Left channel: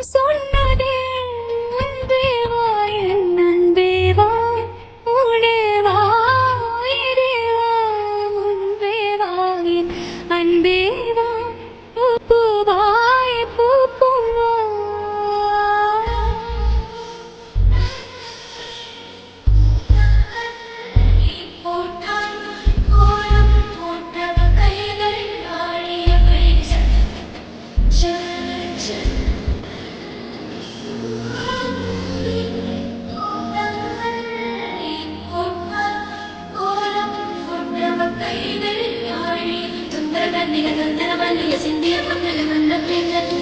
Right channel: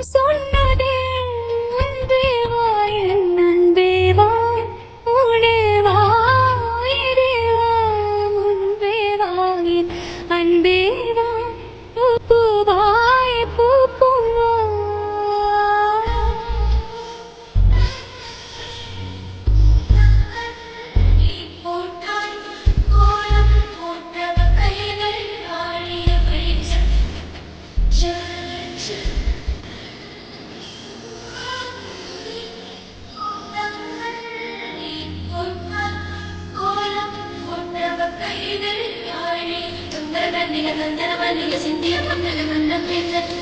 நெஞ்சம் சிந்திய மன்னல மன்ன பின்னல்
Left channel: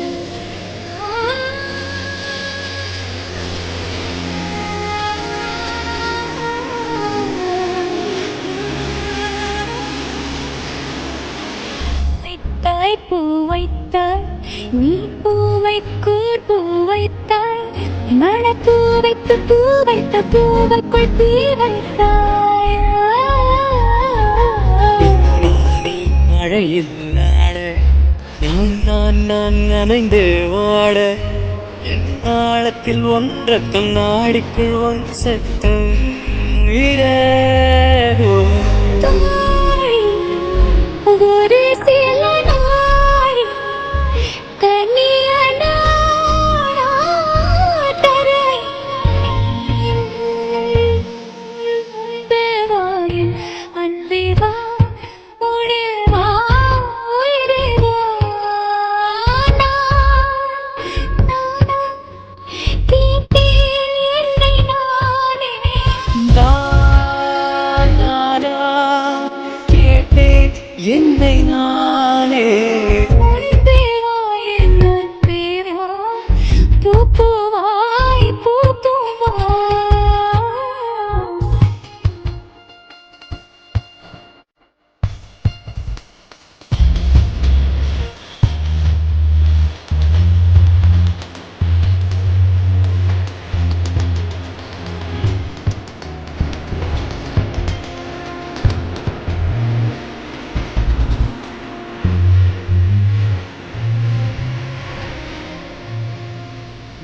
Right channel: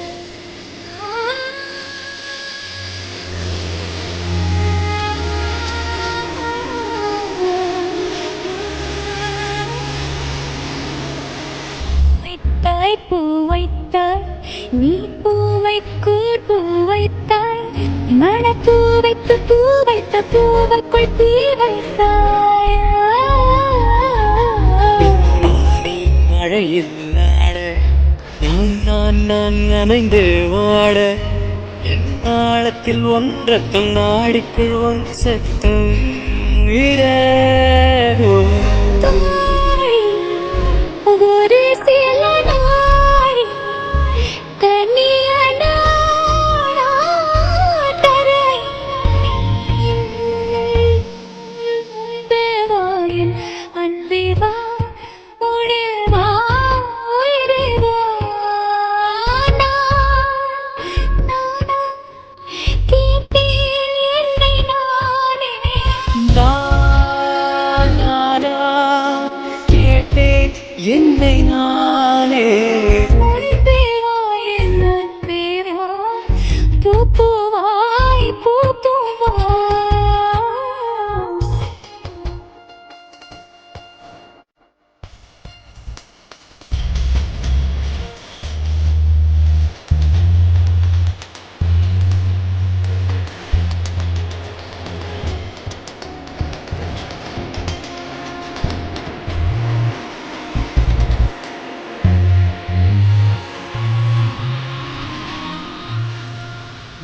வைத்தாய் பூ வைத்தாய் நீ பூ வைக்கூர் பூ வைத்தாய் வைத்து பூ வைத்த பூவைக்குள் தீ வைத்தாய். மழையில் நான் நான் நனைந்து வாட என் ஆழத்தில் ஒன்றத்தும் நாடிக்குள் ஒன் சத்தம் இரவு. என்னை நானே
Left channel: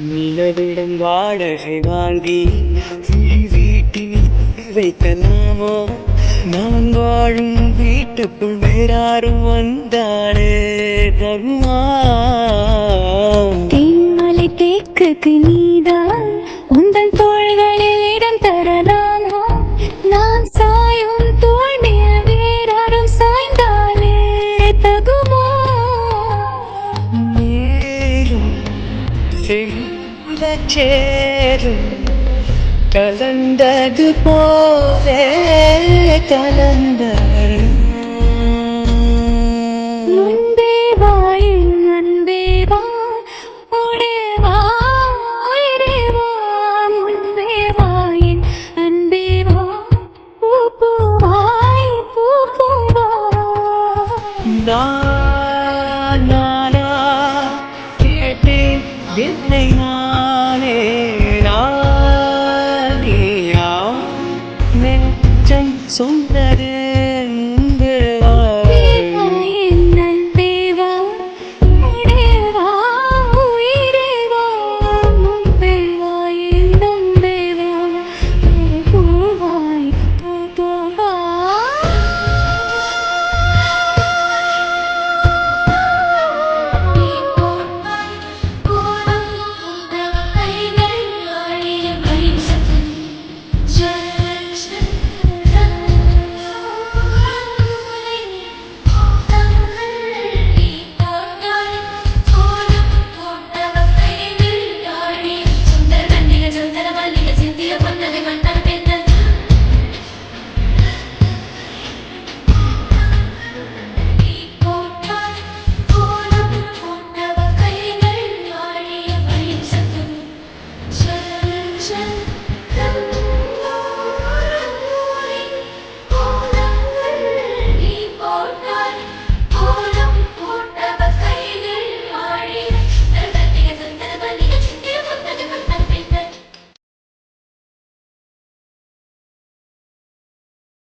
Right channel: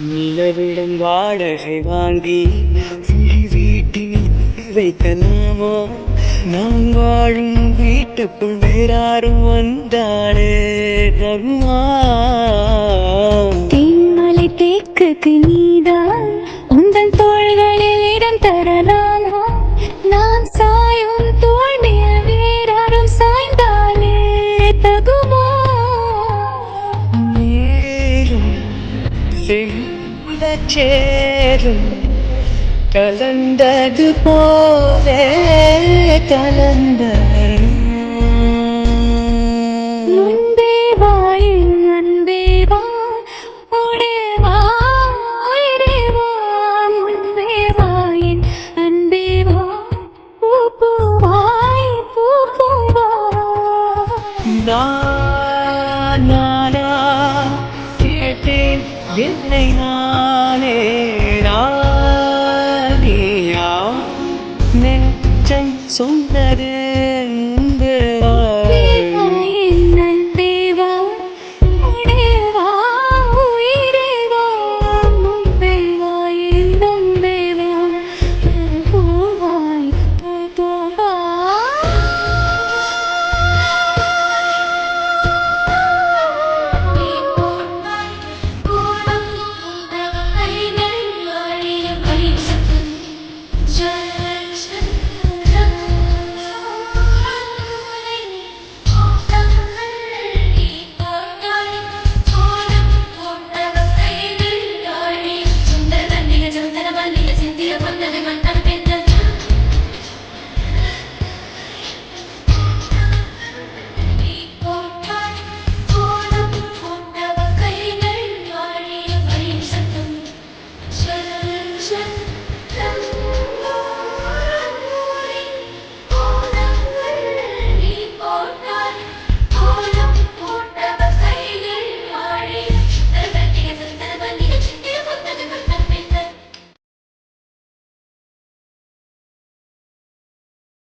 நிலவிடம் வாடகை வாங்கி வீட்டில் வைக்கலாமோ நான் வாழும் வீட்டுக்குள் வேறாரும் வந்தாலே தருமா? தேன்மலை தேக்குக்கு நீதான் உந்தன் தோள்களில் இடம் தரலாமா. சேரும் கலந்தது போலே கலந்தரும் முன்பே வா என் என்னை நானே நெஞ்சம் சொன்னது